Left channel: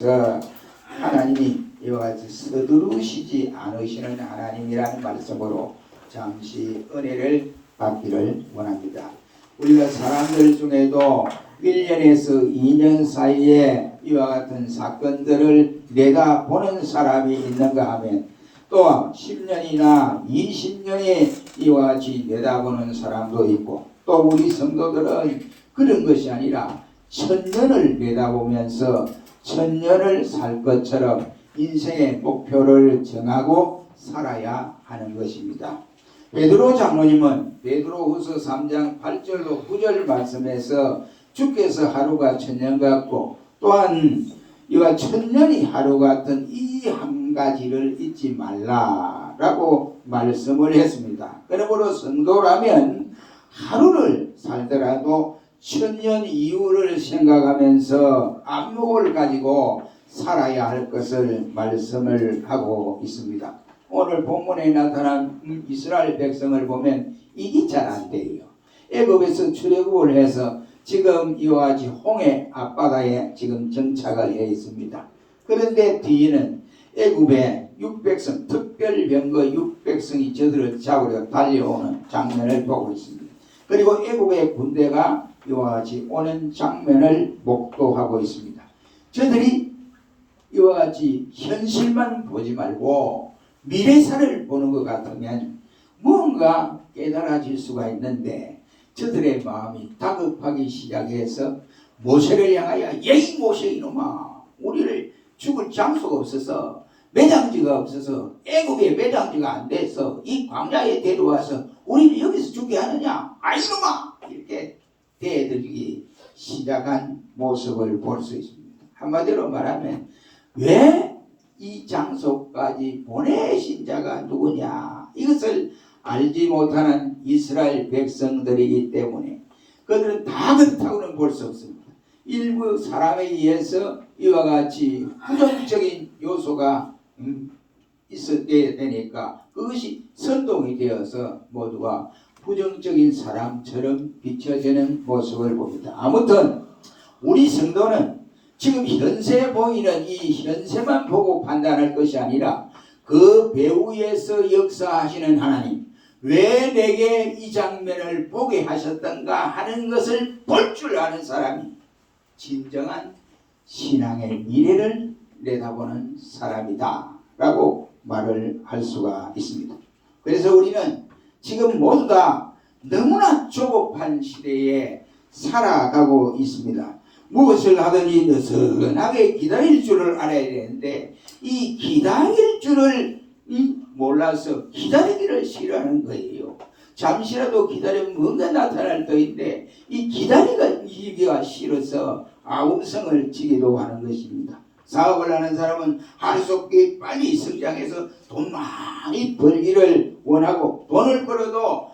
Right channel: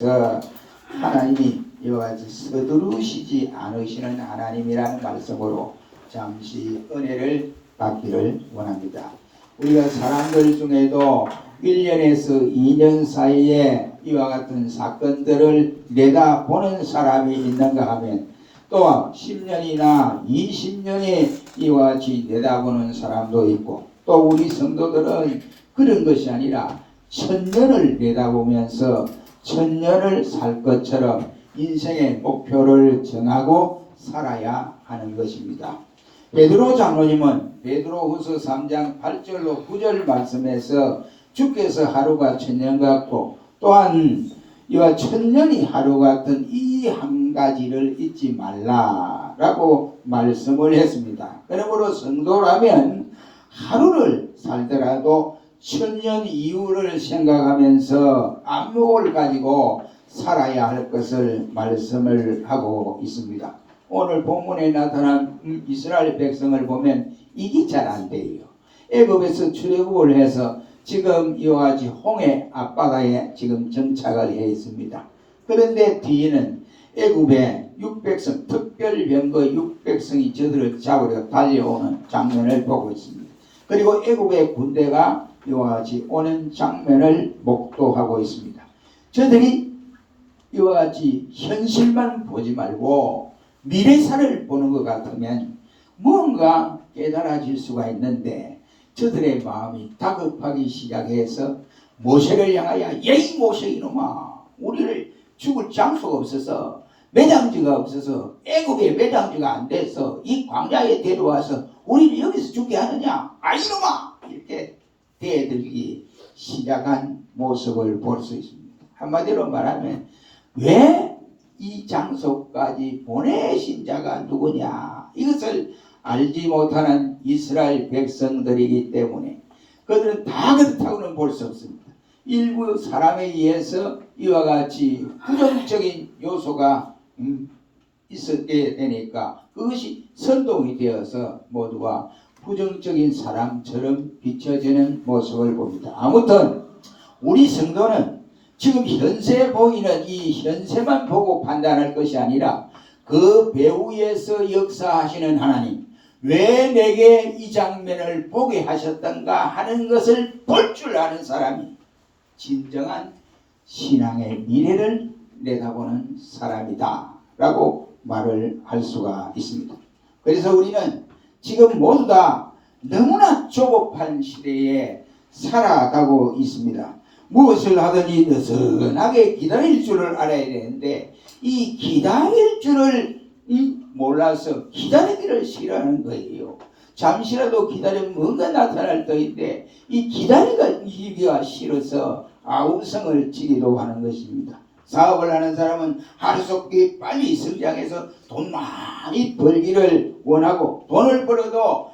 하나님이 이와 같이 서두르시지 않으시는 하나님이라는 말씀으로 잠시 은혜를 받기를 원합니다. 우리가 사람들 중에도 1년에서 2년 사이에 이와 같은 사건들을 내다보는 사람이 있는가 하면 또한 10년이나 20년이 이와 같이 내다보는 사람도 있고, 또 우리 성도들은 그런 것이 아니라 1000년을 내다보면서 1000년을 살 것처럼 인생의 목표를 정하고 살아야 하는 것입니다. 베드로 장로님은 베드로후서 3장 8절로 9절 말씀에서 주께서 하루가 1000년 같고 또한 이와 1000년이 하루 같은 이 한 가지를 잊지 말라라고 말씀을 했습니다. 그러므로 성도라면 하루를 살더라도 1000년 이후를 생각하면서 안목을 가지고 살아야 할 것을 말씀을 하고 있습니다. 오늘 본문에 나타난 이스라엘 백성을 보면 이게 잘 안 돼요. 애굽에서 출애굽을 해서 지금 이와 같이 홍해 앞바다에 지금 정착을 해 있습니다. 그런데 뒤에는 애굽의 600성 특별병거 600성이 저들을 잡으려 달려오는 장면을 보고 있습니다. 그리고 애굽의 군대가 이와 같이 오는 장면을 목도하고 있습니다. 저들이 이와 같이 현실만 보지 말고 미래사를 보는 것 같으면 뭔가 깨달아질 수가 있는데, 저들의 마음이 다급하기 시작해서 모세를 향하여 이 모세 이놈아, 우리를 죽을 장소가 없어서 매장지가 없어서 애굽에 매장지가 안 돼서 이 광야에 데려와서 우리를 여기서 죽게 하느냐, 이놈아, 이렇게 대들기 시작한 모습을 볼 수 있습니다. 한마디로 말하면 왜 이 장소까지 보내신 자가 누구냐, 이것을 알지 못하는 이스라엘 백성들이기 때문에 그들은 다 그렇다고는 볼 수 없습니다. 일부 사람에 의해서 이와 같이 부정적인 요소가 있었게 되니까 그것이 선동이 되어서 모두가 부정적인 사람처럼 비춰지는 모습을 봅니다. 아무튼 우리 성도는 지금 현세 보이는 이 현세만 보고 판단할 것이 아니라 그 배후에서 역사하시는 하나님, 왜 내게 이 장면을 보게 하셨던가 하는 것을 볼 줄 아는 사람이 진정한 신앙의 미래를 내다보는 사람이다 라고 말을 할 수가 있습니다. 그래서 우리는 지금 모두 다 너무나 조급한 시대에 살아가고 있습니다. 무엇을 하든지 느슨하게 기다릴 줄을 알아야 되는데 이 기다릴 줄을 몰라서 기다리기를 싫어하는 거예요. 잠시라도 기다리면 뭔가 나타날 터인데 이 기다리기가 싫어서 아웅성을 지기도 하는 것입니다. 사업을 하는 사람은 하루속히 빨리 성장해서 돈 많이 벌기를 원하고, 돈을 벌어도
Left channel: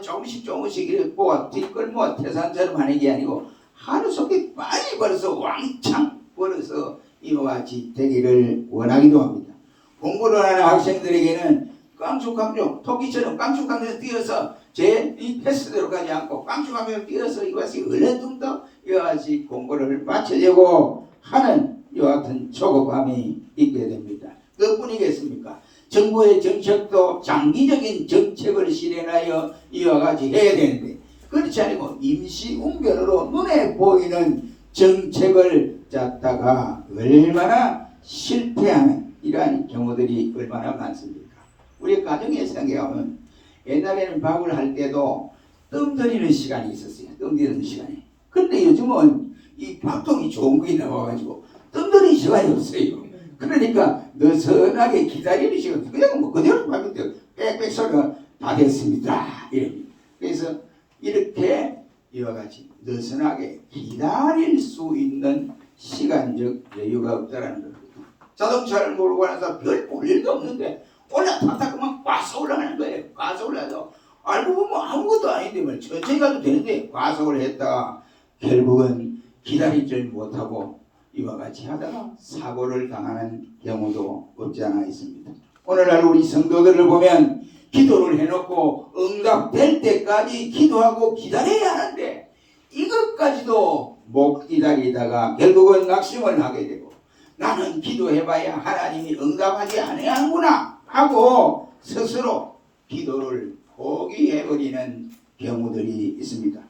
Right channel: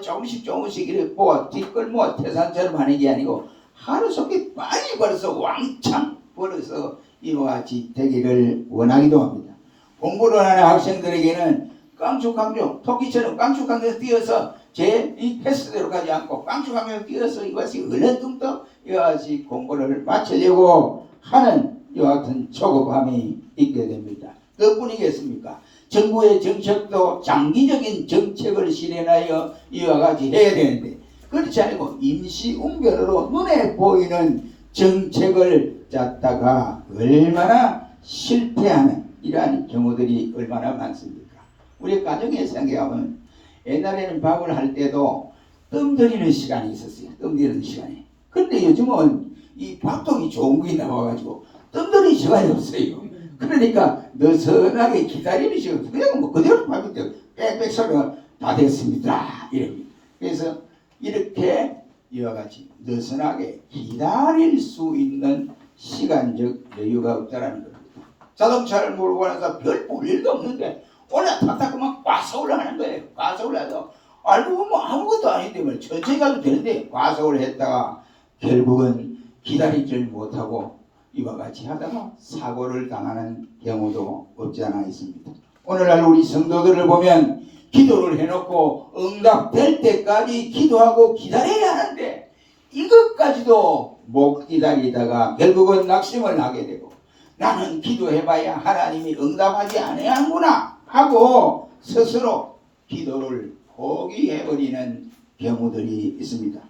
조금씩 이렇게 모아 뒷걸 모아 태산처럼 하는 게 아니고 하루속히 빨리 벌어서 왕창 벌어서 이와 같이 되기를 원하기도 합니다. 공부를 하는 학생들에게는 깡충깡충 토끼처럼 깡충깡충 뛰어서 이 패스대로 가지 않고 깡충깡충 뛰어서 이것이 얼른뚱도 이와 같이 공부를 마치려고 하는 이와 같은 조급함이 있게 됩니다. 그뿐이겠습니까? 정부의 정책도 장기적인 정책을 실현하여 이와 같이 해야 되는데 그렇지 않고 임시응변으로 눈에 보이는 정책을 짰다가 얼마나 실패하는 이러한 경우들이 얼마나 많습니까? 우리 가정에 생각하면 옛날에는 밥을 할 때도 뜸 들이는 시간이 있었어요. 뜸 들이는 시간이. 근데 요즘은 이 밥통이 좋은 게 나와가지고 뜸 들이는 시간이 없어요. 그러니까 느슨하게 기다리는 시간, 그냥 뭐 그대로 밥이 돼요. 빽빽 소리가 다 됐습니다. 이럽니다. 그래서 이렇게 이와 같이 느슨하게 기다릴 수 있는 시간적 여유가 없다라는 겁니다. 자동차를 몰고 가면서 별 볼 일도 없는데 올라탔다 그만 과속을 하는 거예요. 과속을 해서 알고 보면 아무것도 아닌데 뭐 천천히 가도 되는데 과속을 했다가 결국은 기다리질 못하고 이와 같이 하다가 사고를 당하는 경우도 없지 않아 있습니다. 오늘날 우리 성도들을 보면 기도를 해놓고 응답될 때까지 기도하고 기다려야 하는데 이것까지도 못 기다리다가 결국은 낙심을 하게 되고, 나는 기도해봐야 하나님이 응답하지 아니하는구나 하고 스스로 기도를 포기해버리는 경우들이 있습니다.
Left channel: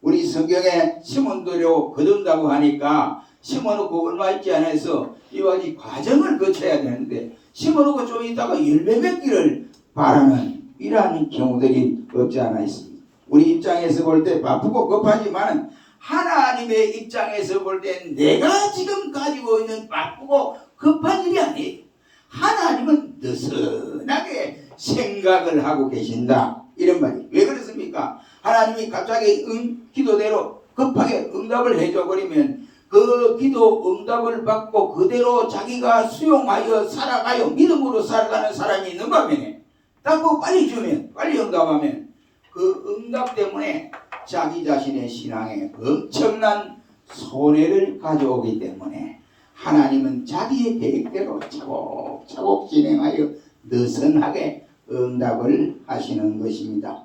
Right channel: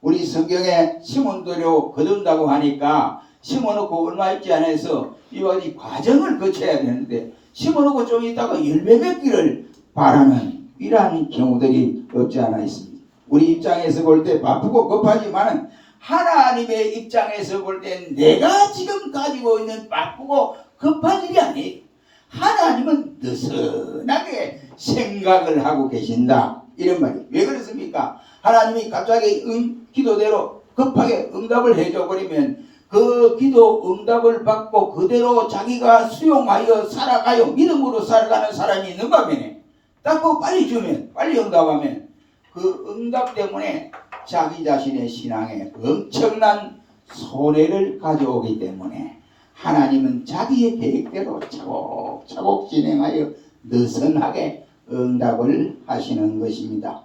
우리 성경에 심어놓고 거둔다고 하니까 심어놓고 얼마 있지 않아서 이와 같이 과정을 거쳐야 되는데 심어놓고 좀 있다가 열매 맺기를 바라는 이러한 경우들이 없지 않아 있습니다. 우리 입장에서 볼 때 바쁘고 급하지만 하나님의 입장에서 볼 때 내가 지금 가지고 있는 바쁘고 급한 일이 아니에요. 하나님은 느슨하게 생각을 하고 계신다 이런 말이. 왜 그렇습니까? 하나님이 갑자기 기도대로 급하게 응답을 해줘 버리면 그 기도 응답을 받고 그대로 자기가 수용하여 살아가요. 믿음으로 살아가는 사람이 있는 반면에 딱 빨리 주면 빨리 응답하면 그 응답 때문에 자기 자신의 신앙에 엄청난 손해를 가져오기 때문에 하나님은 자기의 계획대로 차곡차곡 진행하여 느슨하게 응답을 하시는 것입니다.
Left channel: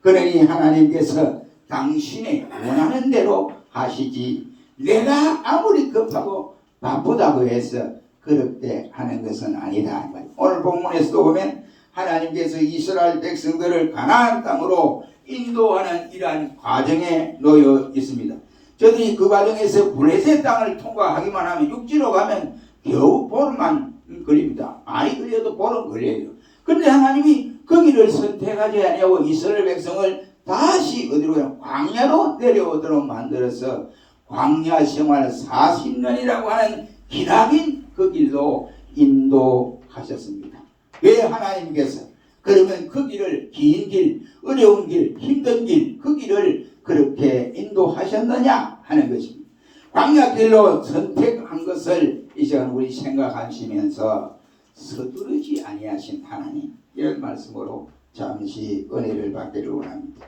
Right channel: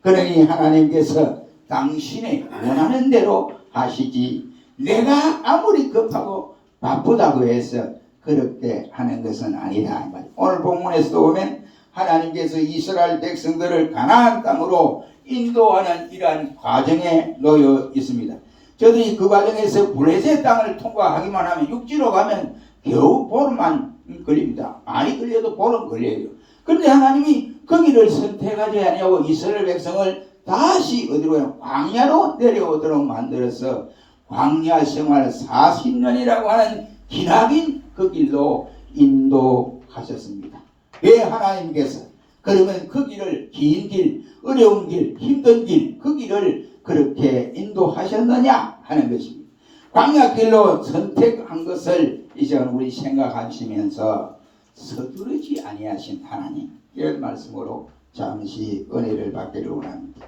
그러니 하나님께서 당신의 원하는 대로 하시지 내가 아무리 급하고 바쁘다고 해서 그렇게 하는 것은 아니다. 오늘 본문에서도 보면 하나님께서 이스라엘 백성들을 가나안 땅으로 인도하는 이러한 과정에 놓여 있습니다. 저들이 그 과정에서 블레셋 땅을 통과하기만 하면 육지로 가면 겨우 보름만 걸립니다. 많이 걸려도 보름 걸려요. 그런데 하나님이 거기를 선택하지 아니하고 이스라엘 백성을 다시 어디로 광야로 내려오도록 만들어서 광야 생활 40년이라고 하는 기나긴 그 길로 인도하셨습니다. 왜 하나님께서 그러면 그 길을 긴 길, 어려운 길, 힘든 길, 그 길을 그렇게 인도하셨느냐 하는 것입니다. 광야길로 선택한 것을 이제 우리 생각하시면서 서두르지 아니하신 하나님 이런 말씀으로 잠시 은혜를 받기를 원합니다.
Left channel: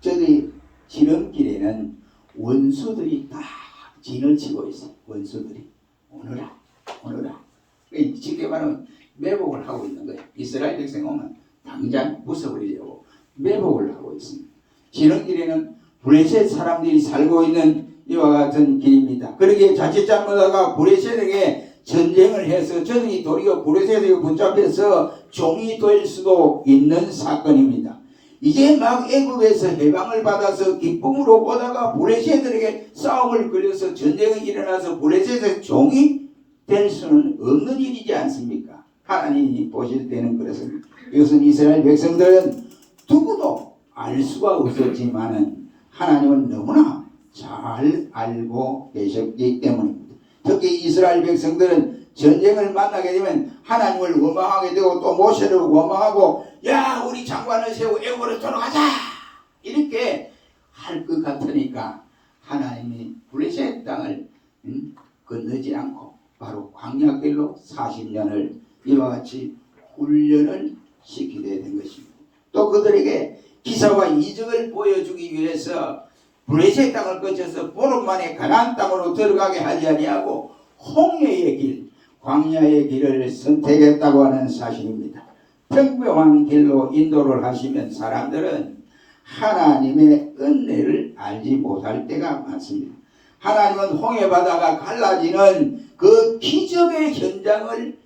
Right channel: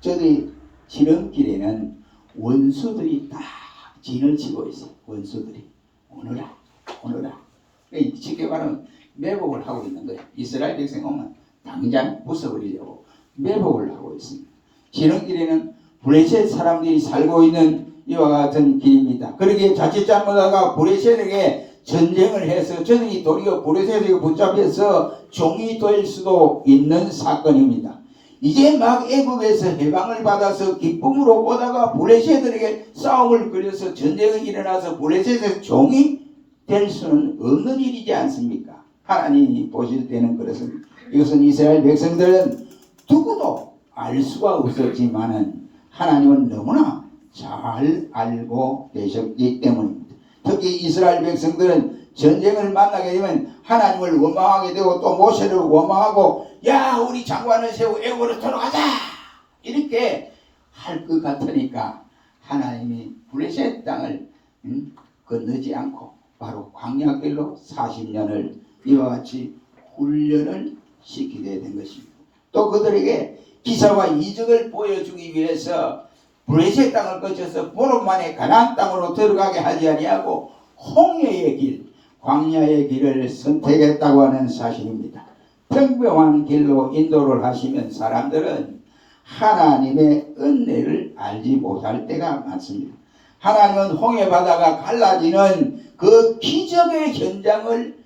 저희 지름길에는 원수들이 딱 진을 치고 있어요. 원수들이 오너라 쉽게 말하면 매복을 하고 있는 거예요. 이스라엘 백성이 오면 당장 부숴버리려고 매복을 하고 있습니다. 지름길에는 블레셋 사람들이 살고 있는 이와 같은 길입니다. 그러기에 자칫 잘못하다가 블레셋에게 전쟁을 해서 저들이 도리어 블레셋에게 붙잡혀서 종이 될 수도 있는 사건입니다. 이제 막 애굽에서 해방을 받아서 기쁨으로 오다가 블레셋들에게 싸움을 걸려서 전쟁이 일어나서 블레셋의 종이 될 수는 없는 일이지 않습니까? 하나님이 보실 때는 그렇습니다. 이것은 이스라엘 백성들은 누구도 알 수가 없었지만은 하나님은 너무나 잘 알고 계셨기 때문입니다. 특히 이스라엘 백성들은 전쟁을 만나게 되면 하나님을 원망하게 되고 또 모세를 원망하고 야 우리 장관을 세우고 애굽으로 돌아가자 이렇게 할 것 같으니까 하나님이 블레셋 땅을 건너지 않고 바로 광야길로 40년을 이와 같이 훈련을 시키게 된 것입니다. 또 그들에게 기사와 이적을 보여주기 위해서 블레셋 땅을 거쳐서 보름 만에 가나안 땅으로 들어가게 하지 아니하고 홍해의 길, 광야의 길을 선택했다고 하는 사실입니다. 평평한 길로 인도를 하시면 사람들은 하나님의 은혜를 알지 못할 때가 많습니다. 하나님은 홍해 바다가 갈라지는 그 기적의 현장을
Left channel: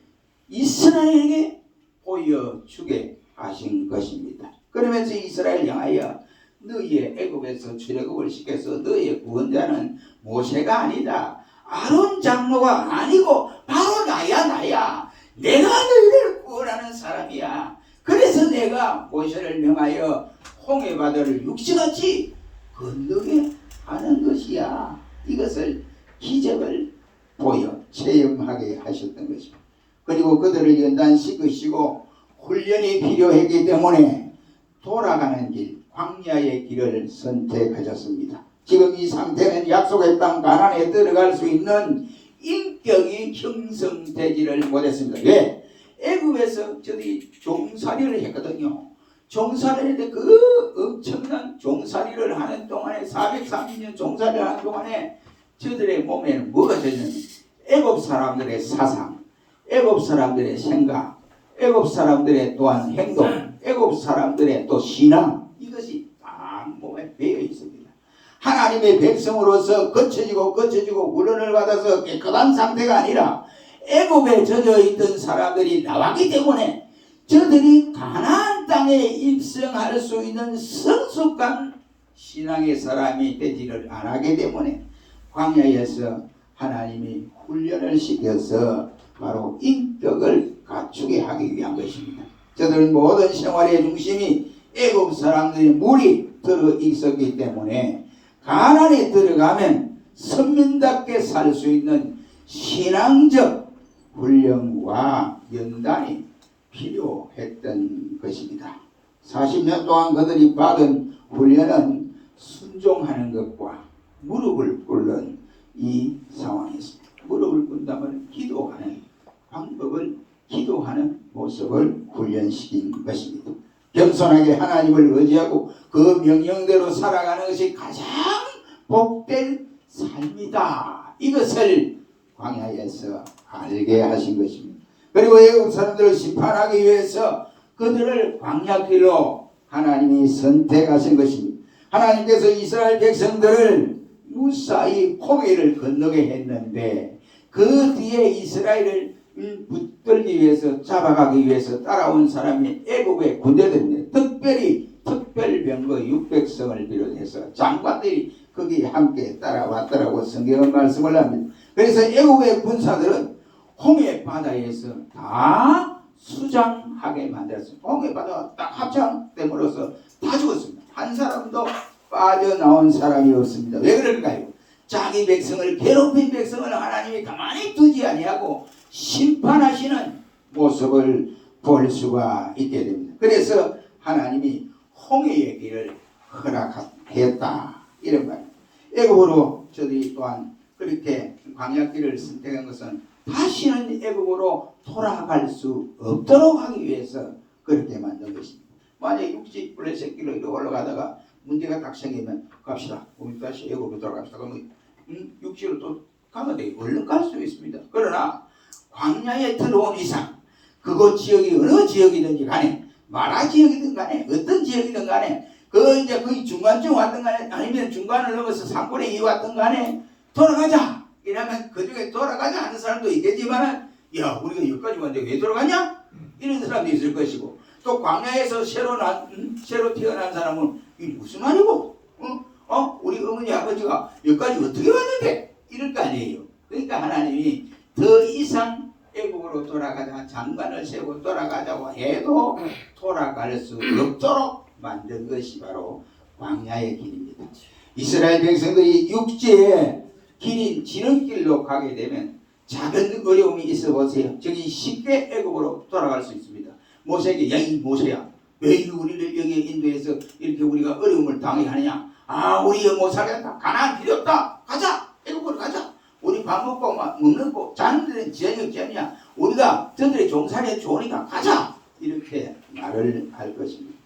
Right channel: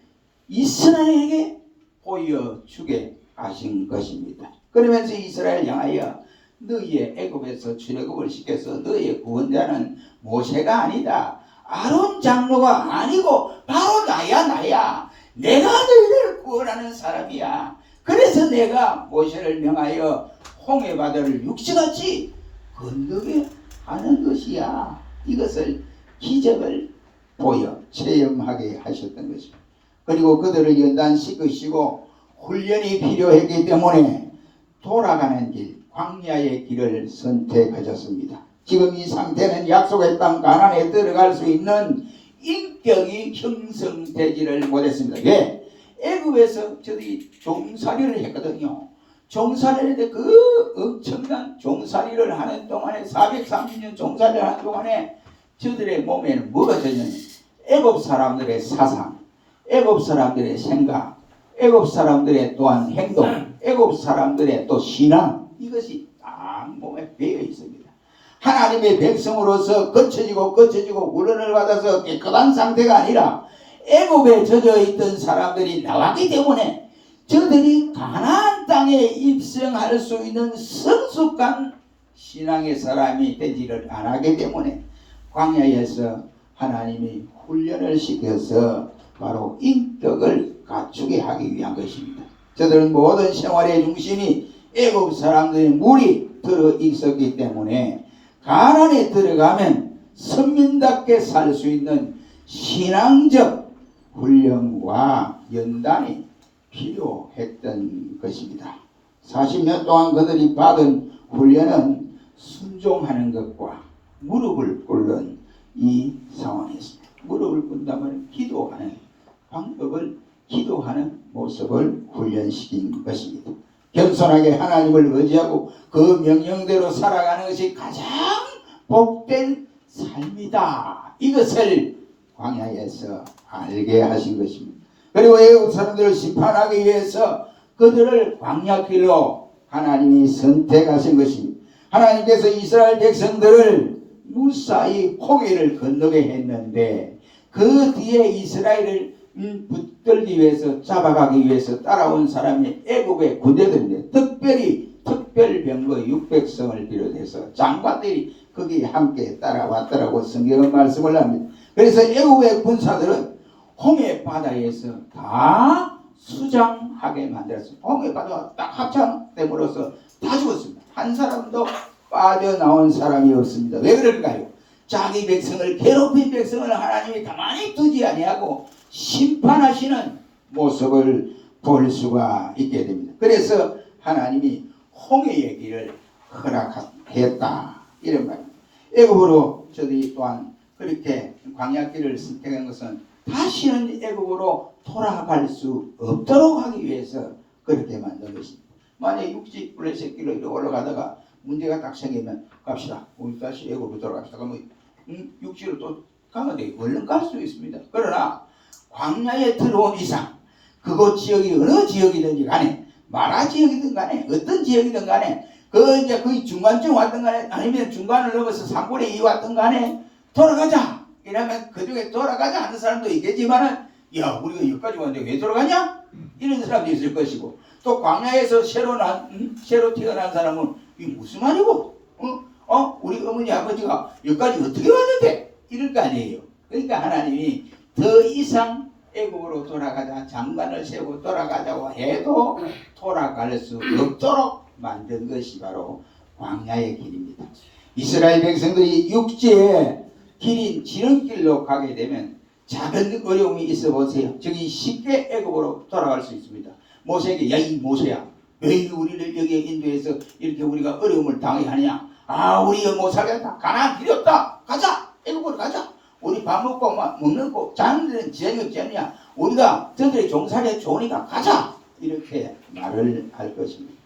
이스라엘에게 보여주게 하신 것입니다. 그러면서 이스라엘 향하여 너희의 애굽에서 출애굽을 시켜서 너희의 구원자는 모세가 아니다. 아론 장로가 아니고 바로 나야. 내가 너희를 구원하는 사람이야. 그래서 내가 모세를 명하여 홍해 바다를 육지같이 건너게 하는 것이야. 이것을 기적을 보여 체험하게 하셨던 것입니다. 그리고 그들을 연단 시키시고 훈련이 필요했기 때문에 돌아가는 길, 광야의 길을 선택하셨습니다. 지금 이 상태는 약속의 땅 가나안에 들어갈 수 있는 인격이 형성되지를 못했습니다. 왜? 애굽에서 저들이 종살이를 했거든요. 종살이를 했는데 그 엄청난 종살이를 하는 동안에 430년 종살이를 하는 동안에 저들의 몸에는 뭐가 되느냐? 애굽 사람들의 사상, 애굽 사람들의 생각, 애굽 사람들의 또한 행동, 애굽 사람들의 또 신앙 이것이 딱 몸에 배어 있습니다. 하나님의 백성으로서 거쳐지고 훈련을 받아서 깨끗한 상태가 아니라 애굽에 젖어 있던 사람들이 나왔기 때문에 저들이 가나안 땅에 입성할 수 있는 성숙한 신앙의 사람이 되지를 않았기 때문에 광야에서 하나님이 훈련을 시켜서 바로 인격을 갖추게 하기 위한 것입니다. 저들은 모든 생활의 중심이 애굽 사람들의 물이 들어 있었기 때문에 가나안에 들어가면 선민답게 살 수 있는 신앙적 훈련과 연단이 필요했던 것입니다. 40년 동안 그들이 받은 훈련은 순종하는 것과 무릎을 꿇는 이 상황이었습니다. 무릎을 꿇다면 기도하는 방법을, 기도하는 모습을 훈련시킨 것입니다. 겸손하게 하나님을 의지하고 그 명령대로 살아가는 것이 가장 복된 삶이다. 이것을 광야에서 알게 하신 것입니다. 그리고 애국 사람들을 심판하기 위해서 그들을 광야길로 하나님이 선택하신 것입니다. 하나님께서 이스라엘 백성들을 무사히 홍해를 건너게 했는데 그 뒤에 이스라엘을 붙들기 위해서, 잡아가기 위해서 따라온 사람이 애굽의 군대들인데 특별히 특별병거 600성을 비롯해서 장관들이 거기에 함께 따라왔더라고 성경은 말씀을 합니다. 그래서 애굽의 군사들은 홍해 바다에서 다 수장하게 만들었습니다. 홍해 바다가 딱 합창됨으로써 다 죽었습니다. 한 사람도 빠져나온 사람이 없습니다. 왜 그럴까요? 자기 백성을, 괴롭힌 백성을 하나님이 가만히 두지 아니하고 심판하시는 모습을 볼 수가 있게 됩니다. 그래서 하나님이 홍해의 길을 허락했다, 이런 말입니다. 애굽으로 저들이 또한 그렇게 광야길을 선택한 것은 다시는 애굽으로 돌아갈 수 없도록 하기 위해서 그렇게 만든 것입니다. 만약 육지 블레셋길로 이렇게 올라가다가 문제가 딱 생기면 갑시다, 우리 다시 애굽으로 돌아갑시다. 그러면 육지로 또 가면 돼. 얼른 갈 수 있습니다. 그러나 광야에 들어온 이상 그곳 지역이 어느 지역이든지 간에, 마라 지역이든 간에, 어떤 지역이든 간에, 그 이제 거의 중간쯤 왔든 간에, 아니면 중간을 넘어서 3분의 2 왔든 간에 돌아가자 이러면 그중에 돌아가자 하는 사람도 있겠지만은, 야, 우리가 여기까지 왔는데 왜 돌아가냐? 이런 사람도 있을 것이고, 또 광야에서 새로 태어난 사람은 이게 무슨 말이고, 우리 어머니 아버지가 여기까지 어떻게 왔는데? 이럴 거 아니에요. 그러니까 하나님이 더 이상 애국으로 돌아가자, 장관을 세우고 돌아가자고 해도 돌아갈 수 없도록 만든 것이 바로 광야의 길입니다. 이스라엘 백성들이 육지의 길인 지름길로 가게 되면 작은 어려움이 있어 보세요. 저기 쉽게 애국으로 돌아갈 수 있습니다. 모세에게, 야, 이 모세야, 왜 우리를 여기에 인도해서 이렇게 우리가 어려움을 당해야 하느냐? 아, 우리 못 살겠다. 가나안 필요 없다. 가자. 애국으로 가자. 우리 밥 먹고 먹는 거 자는 데는 지장이 없지 않냐? 우리가 저들의 종살이에 좋으니까 가자. 이렇게 말을 할 것입니다.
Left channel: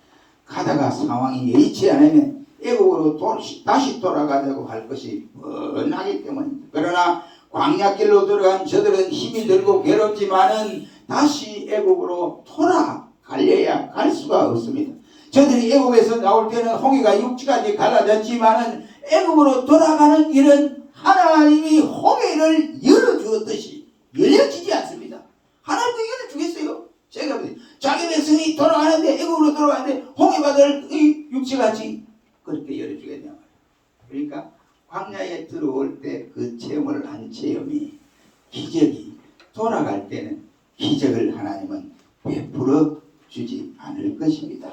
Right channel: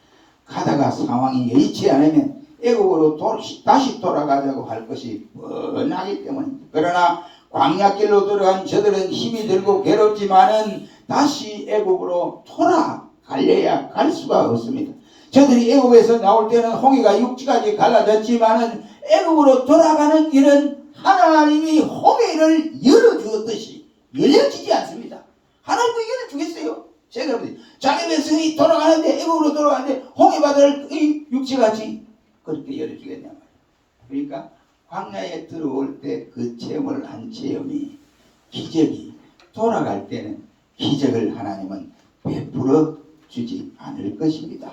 가다가 상황이 여의치 않으면 애국으로 다시 돌아가자고 할 것이 뻔하기 때문입니다. 그러나 광야길로 들어간 저들은 힘이 들고 괴롭지만은 다시 애국으로 돌아가려야 갈 수가 없습니다. 저들이 애국에서 나올 때는 홍해가 육지까지 갈라졌지만은 애국으로 돌아가는 길은 하나님이 홍해를 열어주었듯이 열려지지 않습니다. 하나님도 열어주겠어요. 제가 자기 백성이 돌아가는데, 애국으로 돌아가는데 홍해 바다를 육지같이 그렇게 열어주겠냐. 그러니까 광야에 들어올 때 그 체험을 한 체험이 기적이, 돌아갈 때는 기적을 하나님은 베풀어 주지 않을 것입니다.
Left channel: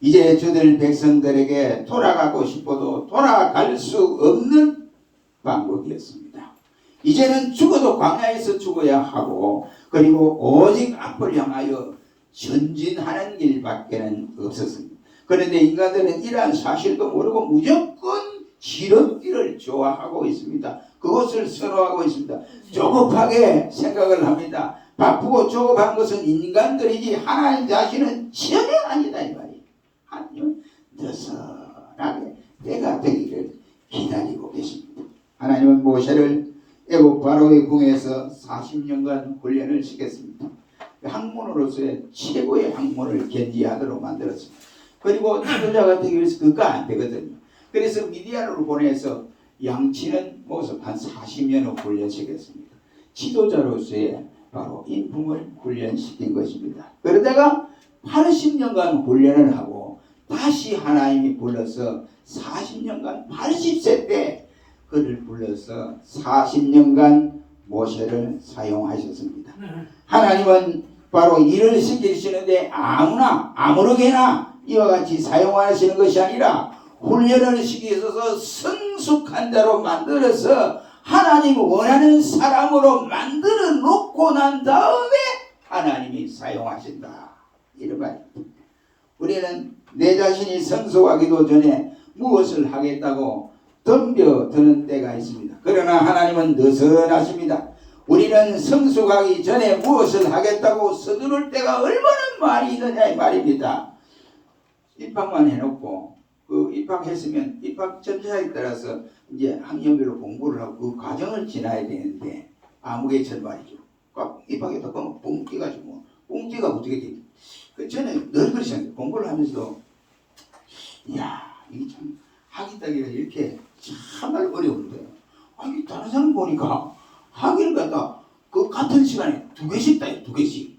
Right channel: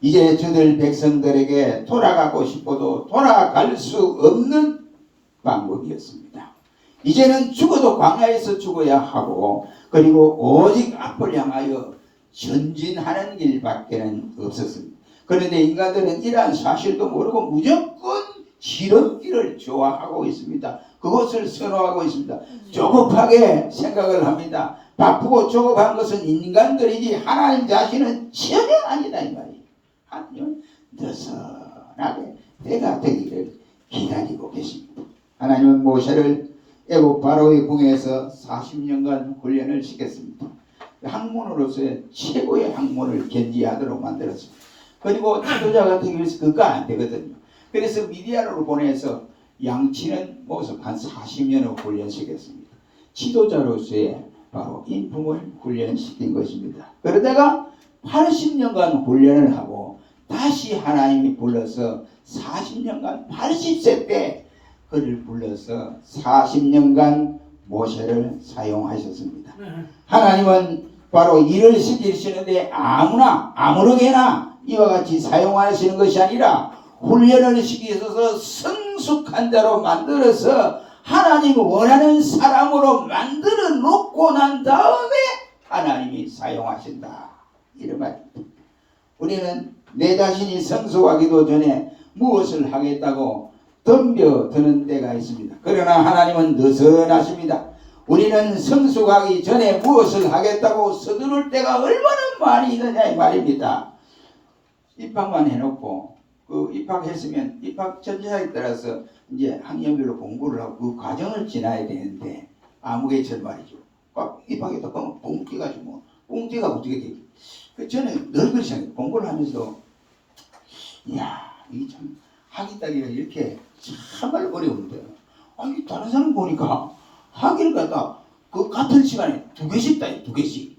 이제 저들 백성들에게 돌아가고 싶어도 돌아갈 수 없는 방법이었습니다. 이제는 죽어도 광야에서 죽어야 하고, 그리고 오직 앞을 향하여 전진하는 길밖에는 없었습니다. 그런데 인간들은 이러한 사실도 모르고 무조건 지름길을 좋아하고 있습니다. 그것을 선호하고 있습니다. 조급하게 생각을 합니다. 바쁘고 조급한 것은 인간들이지 하나님 자신은 전혀 아니다, 이 말이에요. 하나님은 느슨하게 때가 되기를 기다리고 계십니다. 하나님은 모세를 애굽 바로의 궁에서 40년간 훈련을 시켰습니다. 학문으로서의 최고의 학문을 견지하도록 만들었습니다. 그리고 지도자가 되기 위해서 그거 안 되거든요. 그래서 미디안으로 보내서 양치는 모습 한 40년을 훈련시켰습니다. 지도자로서의 바로 인품을 훈련시킨 것입니다. 그러다가 80년간 훈련을 하고 다시 하나님이 불러서 40년간 80세 때 그를 불러서 40년간 모세를 사용하셨습니다. 하나님은 바로 일을 시키시는데 아무나 아무렇게나 이와 같이 사용하시는 것이 아니라 훈련을 시키셔서 성숙한 자로 만들어서 하나님이 원하는 사람으로 만들어 놓고 난 다음에 하나님이 사용하신다. 이런 말입니다. 우리는 내 자신이 성숙하기도 전에 무엇을 하겠다고 덤벼드는 때가 있습니다. 그러나 하나님은 느슨하십니다. 우리는 성숙하기 전에 무엇을 하겠다고 서두를 때가 얼마나 많이 있느냐 이 말입니다. 입학만 해놓고 그 입학했으면 입학 전자에 따라서 이제 학년별로 공부를 하고 그 과정을 지나야 되는데 아무개천 말이죠. 꽉 입학했다 보면 뻥 뛰가지고 뻥 뛰가 어떻게 돼? 그 저는 늘 그렇게 생각해요. 공부를 하면서도 이야 이게 참 학위 따기가 이렇게 정말 어려운데 아니 다른 사람 보니까 학위를 갖다 그 같은 시간에 2개씩 따요. 2개씩.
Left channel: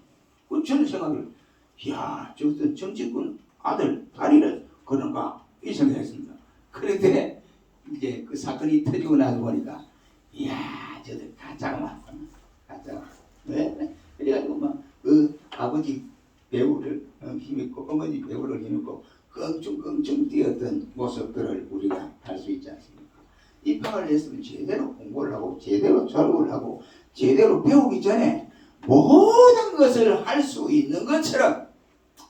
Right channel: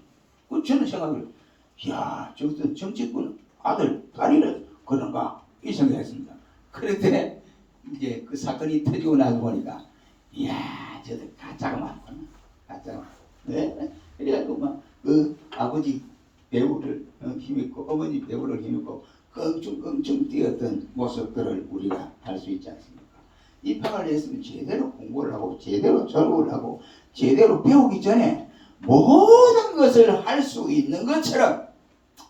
그 저는 생각을 이야 저것은 정치권 아들 딸이를 그런가 이 생각했습니다. 그런데 이제 그 사건이 터지고 나서 보니까 이야 저들 가짜가 가짜가 네? 그래가지고 막 그 아버지 배우를 힘있고 어머니 배우를 힘있고 껑충껑충 뛰었던 모습들을 우리가 알 수 있지 않습니까? 입학을 했으면 제대로 공부를 하고 제대로 졸업을 하고 제대로 배우기 전에 모든 것을 할 수 있는 것처럼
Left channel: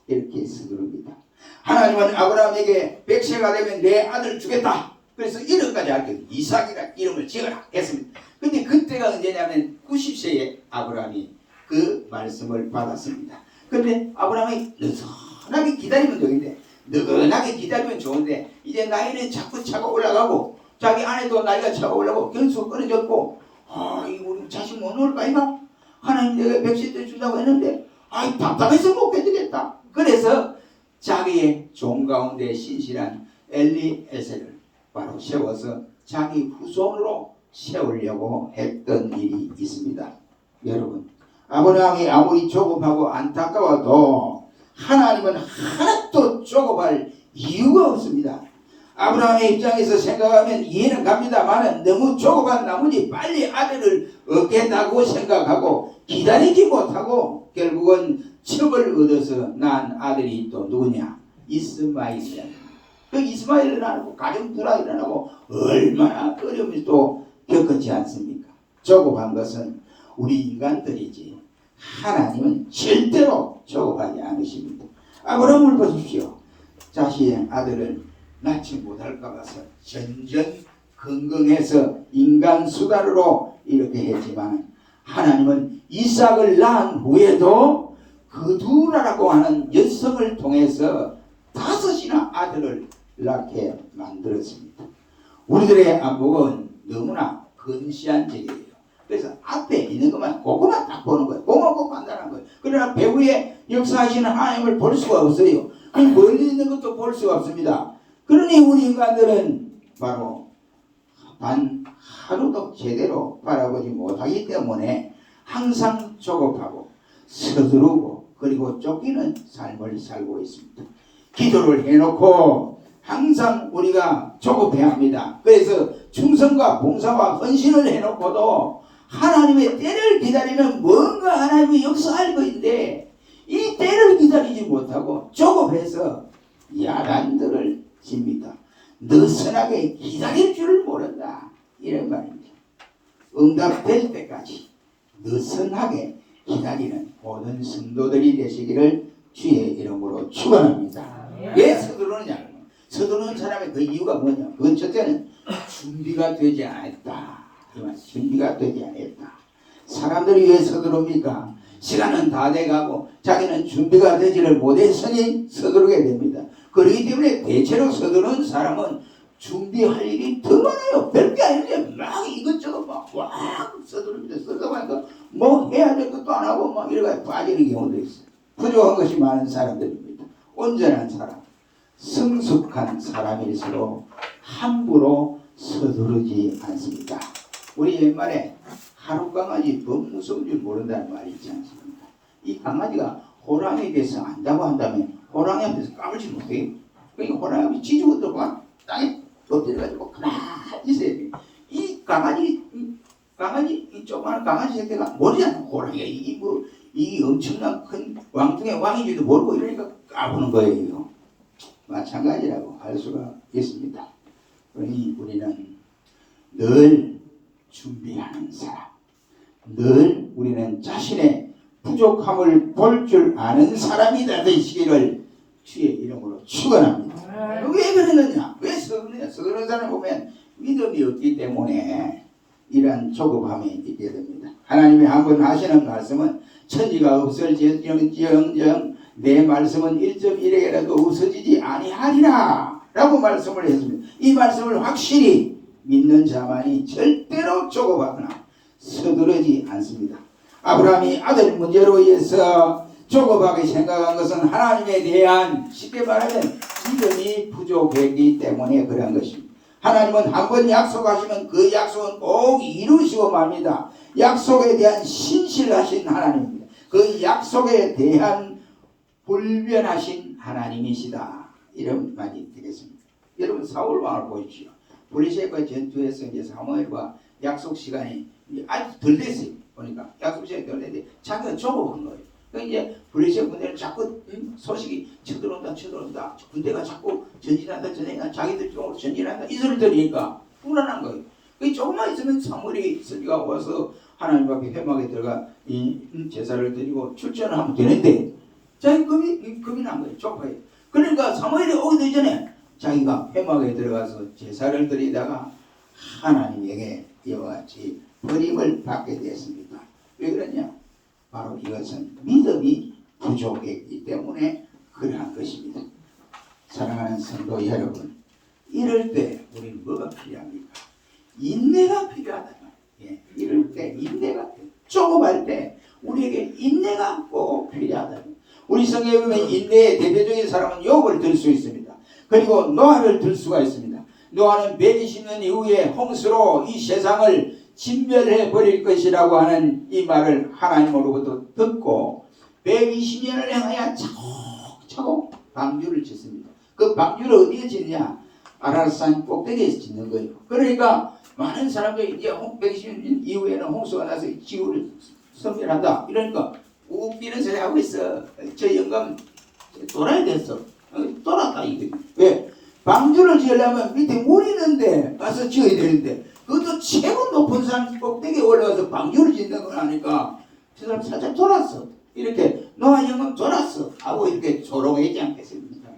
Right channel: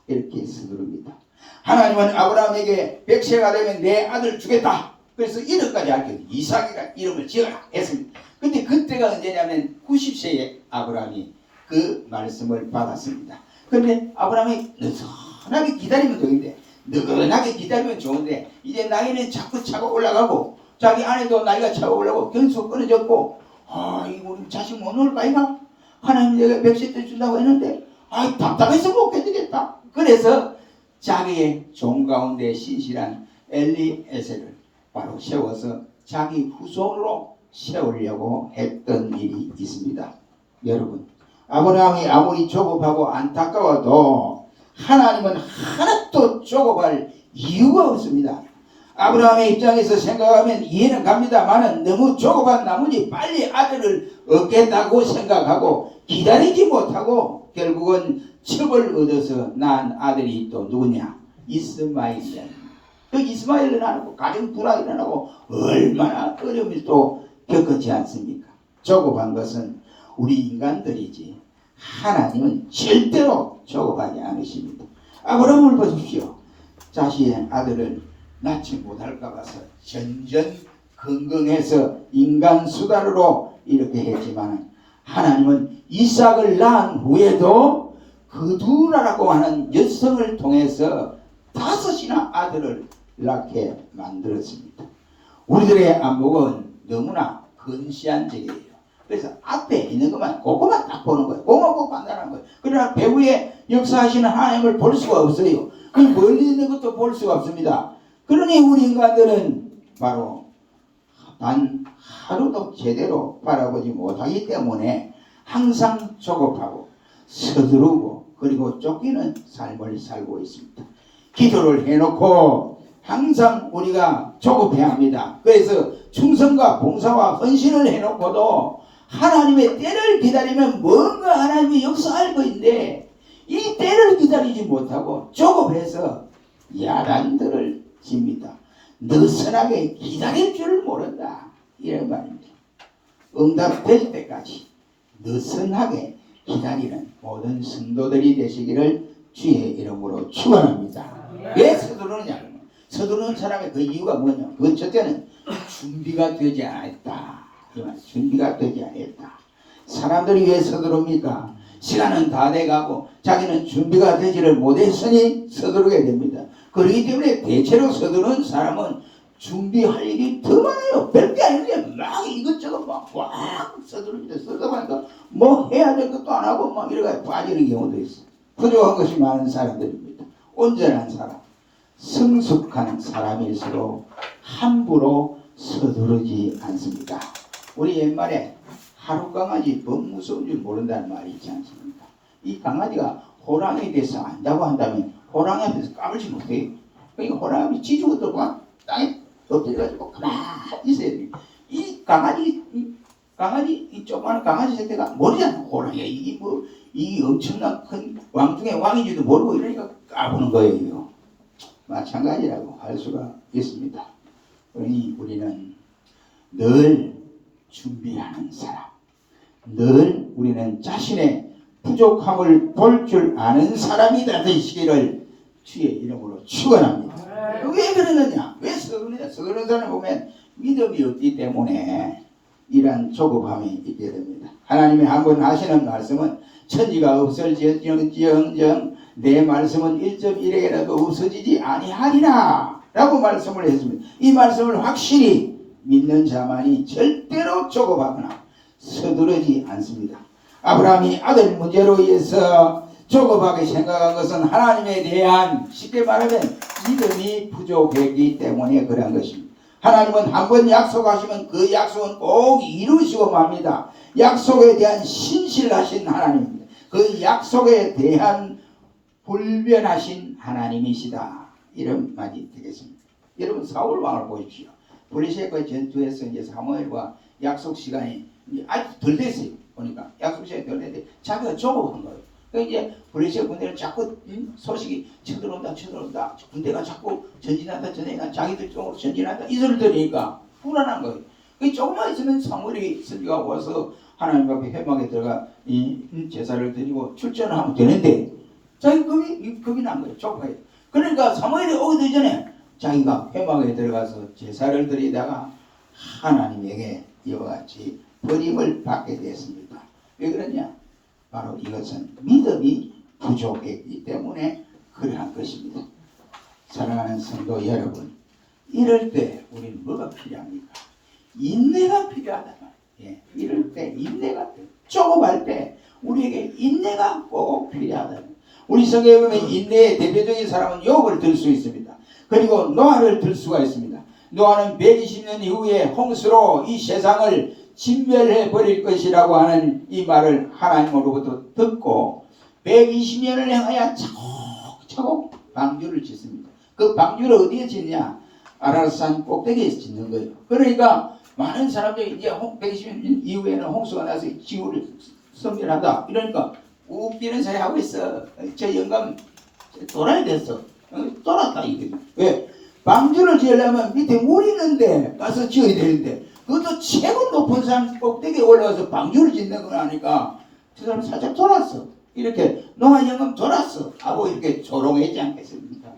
이렇게 서두릅니다. 하나님은 아브라함에게 100세가 되면 내 아들 주겠다. 그래서 이름까지 할게요. 이삭이라 이름을 지어라 했습니다. 근데 그때가 언제냐면 90세에 아브라함이 그 말씀을 받았습니다. 근데 아브라함이 느슨하게 기다리면 되는데 느긋하게 기다리면 좋은데 이제 나이는 자꾸 차고 올라가고 자기 아내도 나이가 차고 올라가고 견수가 끊어졌고 이거 우리 자식 못 놓을까 이가 하나님 내가 100세 때 준다고 했는데 답답해서 못 견디겠다. 그래서 자기의 종 가운데 신실한 엘리에셀을 바로 세워서 자기 후손으로 세우려고 했던 일이 있습니다. 여러분 아브라함이 아무리 조급하고 안타까워도 하나님은 하나도 조급할 이유가 없습니다. 아브라함의 입장에서 생각하면 이해는 갑니다만 너무 조급한 나머지 빨리 아들을 얻겠다고 생각하고 기다리지 못하고 결국은 첩을 얻어서 낳은 아들이 또 누구냐? 이스마엘이야. 그 이스마엘을 낳고 가정 불화가 일어나고 얼마나 어려움을 또 겪었지 않습니까? 조급한 것은 우리 인간들이지 하나님은 절대로 조급하지 않으십니다. 아브라함을 보십시오. 자신의 아들을 낳지 못할까 봐서 전전긍긍해서 인간 수단으로 이렇게 했지만 하나님은 이삭을 낳은 후에도 그두라라고 하는 여성을 통해서 5이나 아들을 낳게 만들었습니다. 우리들의 안목은 너무나 근시한 적이에요. 그래서 앞에 있는 것만 그것만 딱 보는 거예요. 그것만 보고 판단하는 거예요. 그러나 배후에 역사하시는 하나님을 볼 수가 없어요. 그 멀리 있는 것도 볼 수가 없습니다. 그러니 우리 인간들은 바로 단 하루도 제대로 바라보지 못하기 때문에 항상 조급하고 서두르고 그리고 쫓기는 삶을 살고 있습니다. 기도를 해놓고 항상 우리가 조급해야 합니다. 그래서 충성과 봉사와 헌신을 해놓고도 하나님의 때를 기다리면 뭔가 하나님이 역사할 것인데 이 때를 기다리지 못하고 조급해서 야단들을 집니다. 느슨하게 기다릴 줄을 모른다. 이런 말입니다. 응답될 때까지 느슨하게 기다리는 모든 성도들이 되시기를 주의 이름으로 축원합니다. 왜 서두르느냐? 서두르는 사람의 그 이유가 뭐냐? 그건 첫째는 준비가 되지 않았다. 준비가 되지 않았다. 사람들이 왜 서두릅니까? 시간은 다 돼가고 자기는 준비가 되지를 못했으니 서두르게 됩니다. 그렇기 때문에 대체로 서두르는 사람은 준비할 일이 더 많아요. 별게 아닌데 막 이것저것 막 서두릅니다. 서두르니까 뭐 해야 될 것도 안 하고 막 이래가 빠지는 경우도 있어요. 부족한 것이 많은 사람들입니다. 온전한 사람, 성숙한 사람일수록 함부로 서두르지 않습니다. 우리 옛말에 하루 강아지 더 무서운 줄 모른다는 말이 있지 않습니까? 이 강아지가 호랑이에 대해서 안다고 한다면 호랑이 앞에서 까불지 못해요. 그러니까 호랑이 쥐죽어도 막 땅에 엎드려가지고 가만히 있어야 돼. 이 강아지 이 조그마한 강아지 새끼가 모르잖아. 호랑이가 이 엄청난 큰 왕중의 왕인지도 모르고 이러니까 까부는 거예요. 마찬가지라고 할 수가 있습니다. 그러니 우리는 늘 준비하는 사람, 늘 우리는 자신의 부족함을 볼 줄 아는 사람이 되시기를 주의 이름으로 축원합니다. 왜 그러느냐? 왜 서그느냐? 서그는 사람 보면 믿음이 없기 때문에 이러한 조급함이 있게 됩니다. 하나님이 한번 하시는 말씀은 천지가 없을지언정 내 말씀은 1.1에라도 없어지지 아니하리라 라고 말씀을 했습니다. 이 말씀을 확실히 믿는 자만이 절대로 조급하거나 서두르지 않습니다. 아브라함이 아들 문제로 인해서 조급하게 생각한 것은 하나님에 대한 쉽게 말하면 믿음이 부족했기 때문에 그런 것입니다. 하나님은 한번 약속하시면 그 약속은 꼭 이루시고 맙니다. 약속에 대한 신실하신 하나님입니다. 그 약속에 대한 불변하신 하나님이시다. 이런 말이 되겠습니다. 여러분 사울 왕을 보십시오. 블레셋과 전투에서 이제 사무엘과 약속 시간이 아주 덜 됐어요. 보니까 약속 시간이 덜 됐는데 자기가 조급한 거예요. 그러니까 이제 블레셋 군대는 자꾸 소식이 쳐들어온다. 군대가 자꾸 전진한다. 자기들 쪽으로 전진한다. 이 소리를 들으니까 불안한 거예요. 그 조금만 있으면 사무엘이 선지가 와서 하나님 앞에 회막에 들어가 이 제사를 드리고 출전을 하면 되는데 자기 겁이 난 거예요. 조급해요. 그러니까 사무엘이 오기 전에 자기가 회막에 들어가서 제사를 드리다가 하나님에게 이와 같이 버림을 받게 되었습니다. 왜 그러냐? 바로 이것은 믿음이 부족했기 때문에 그러한 것입니다. 사랑하는 성도 여러분, 이럴 때 우리는 뭐가 필요합니까? 인내가 필요하단 말이에요. 이럴 때 인내가 필요해요. 조급할 때 우리에게 인내가 꼭 필요하다. 우리 성경에 보면 인내의 대표적인 사람은 욥을 들 수 있습니다. 그리고 노아를 들 수가 있습니다. 노아는 120년 이후에 홍수로 이 세상을 진멸해 버릴 것이라고 하는 이 말을 하나님으로부터 듣고 120년을 향하여 차곡차곡 방주를 짓습니다. 그 방주를 어디에 짓냐? 아라산 꼭대기에서 짓는 거예요. 그러니까 많은 사람들이 이제 120년 이후에는 홍수가 나서 지구를 섬멸한다. 이러니까 웃기는 소리 하고 있어. 저 영감 돌아야 됐어. 돌았다 이게. 왜? 방주를 지으려면 밑에 물이 있는데 가서 지어야 되는데 그것도 최고 높은 산 꼭대기에 올라가서 방주를 짓는 건 아니까 저 사람 살짝 돌았어. 이렇게 노아 영감 돌았어 하고 이렇게 조롱하지 않겠습니까?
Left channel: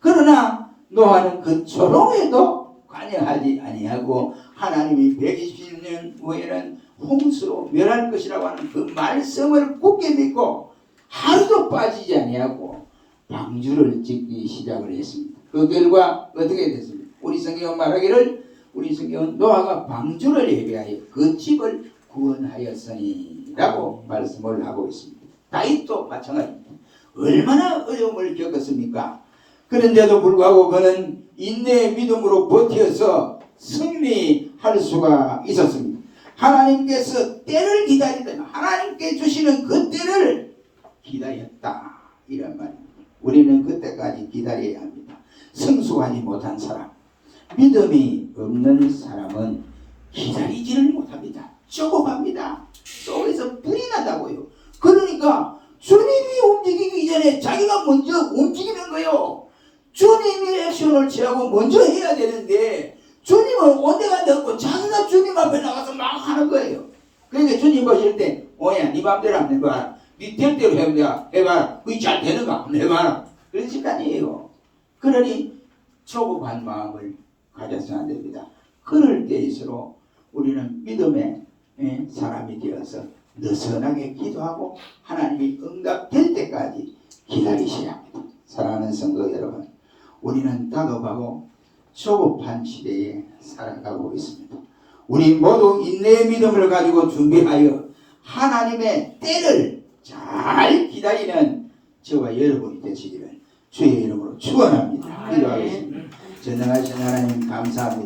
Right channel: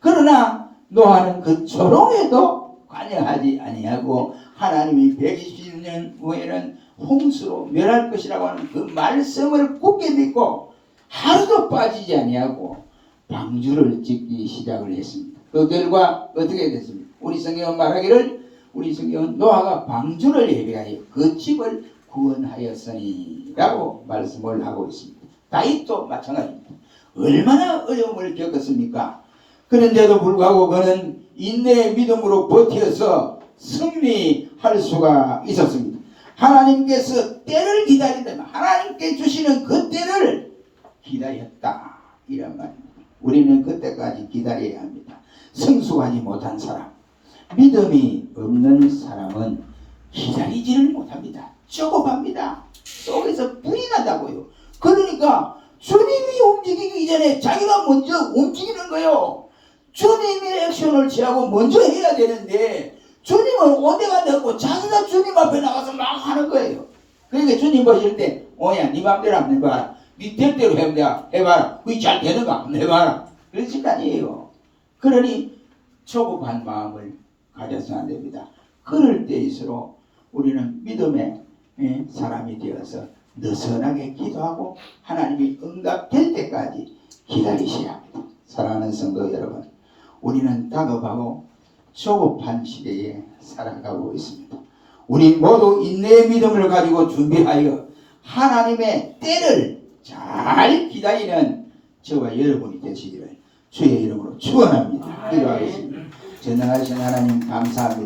그러나 노아는 그 조롱에도 관여하지 아니하고 하나님이 120년 후에는 홍수로 멸할 것이라고 하는 그 말씀을 굳게 믿고 하루도 빠지지 아니하고 방주를 짓기 시작을 했습니다. 그 결과 어떻게 됐습니까? 우리 성경은 말하기를 우리 성경은 노아가 방주를 예비하여 그 집을 구원하였으니 라고 말씀을 하고 있습니다. 다윗도 마찬가지입니다. 얼마나 어려움을 겪었습니까? 그런데도 불구하고 그는 인내의 믿음으로 버텨서 승리할 수가 있었습니다. 하나님께서 때를 기다리다가 하나님께 주시는 그 때를 기다렸다 이런 말입니다. 우리는 그때까지 기다려야 합니다. 성숙하지 못한 사람, 믿음이 없는 사람은 기다리지를 못합니다. 조급합니다. 속에서 불이 나다고요. 그러니까 주님이 움직이기 전에 자기가 먼저 움직이는 거예요. 주님이 액션을 취하고 먼저 해야 되는데 주님은 온데가 되고 자기가 주님 앞에 나가서 막 하는 거예요. 그러니까 주님 보실 때 오야 네 맘대로 한번 해봐라. 네 대로 해봐라. 그게 잘 되는가 한번 해봐라. 그런 시간이에요. 그러니 조급한 마음을 가져서는 안 됩니다. 그럴 때일수록 우리는 믿음의 사람이 되어서 느슨하게 기도하고 하나님이 응답될 때까지 기다리셔야 합니다. 사랑하는 성도 여러분, 우리는 다급하고 조급한 시대에 살아가고 있습니다. 우리 모두 인내의 믿음을 가지고 준비하여 하나님의 때를 잘 기다리는 저와 여러분이 되시기를 주의 이름으로 축원합니다. 기도하겠습니다. 전능하신 하나님 감사합니다.